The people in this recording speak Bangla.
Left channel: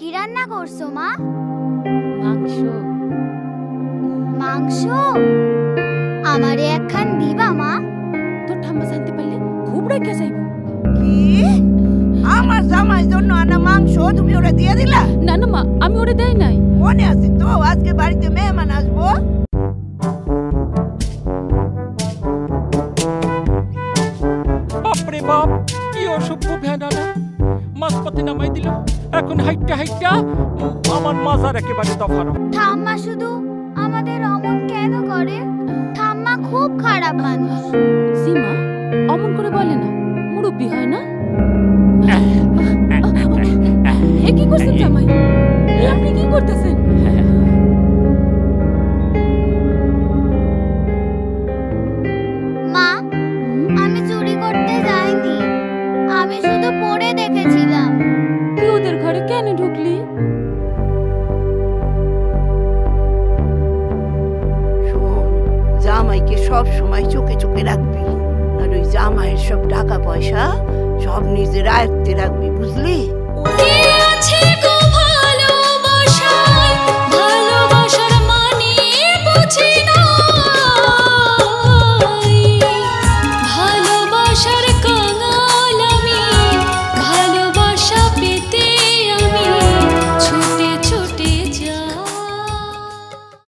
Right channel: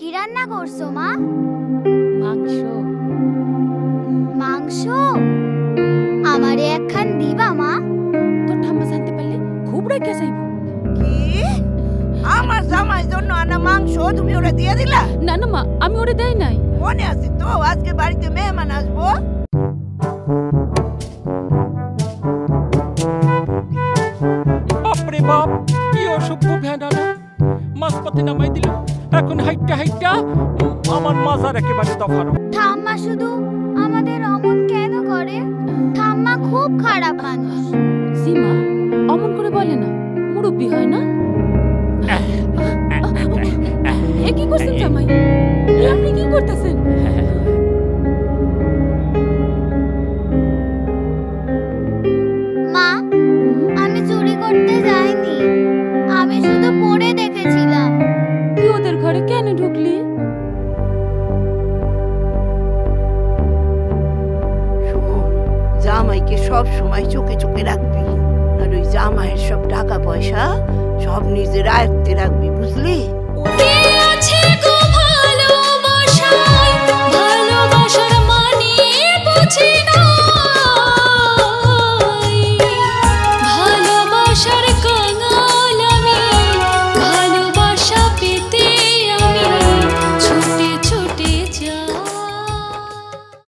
কি রান্না করছো মা? মাংস। মাংস? আমারে একখান দিবা মা? তোর ঠাম্মা জানতে পারলে খুব রেখে যাইব। কি আমার জামাই জন্য আনা মাংস তুমি ওরে দিয়ে দিলা? না না মা, আমি ওরে দেই নাই। মনে আছে তো আজকে বাড়িতে মেহমান আসবো। বাপরে বাপ, কি অসভ্য ভেড়ারা মাছপাতি নামাই দিল। এখন হাইটটা হাইটটা আমার মাজার একেবারে দফানো। ঠাম্মা শুধু আমাদের অমন কেন করে? ঠাম্মা খুব খারাপ মানুষ। সীমা অমন করে বলে না, মুরব্বি হয় না। এ কি করছেন জামাই? আপনি কি করতেছেন? মা, আমি চুরি করতে যাইনি, আমি শুধু পড়ে দেখেছিলাম। তুই ওদের ঘরে কেন ঢুকলি? শোন, জামাইকে সব সময় চোখে চোখে রাখবি, আর ওই জামাইয়ের সব টাকা পয়সা সব নিজের আয়ত্তে রাখবি, বুঝলি?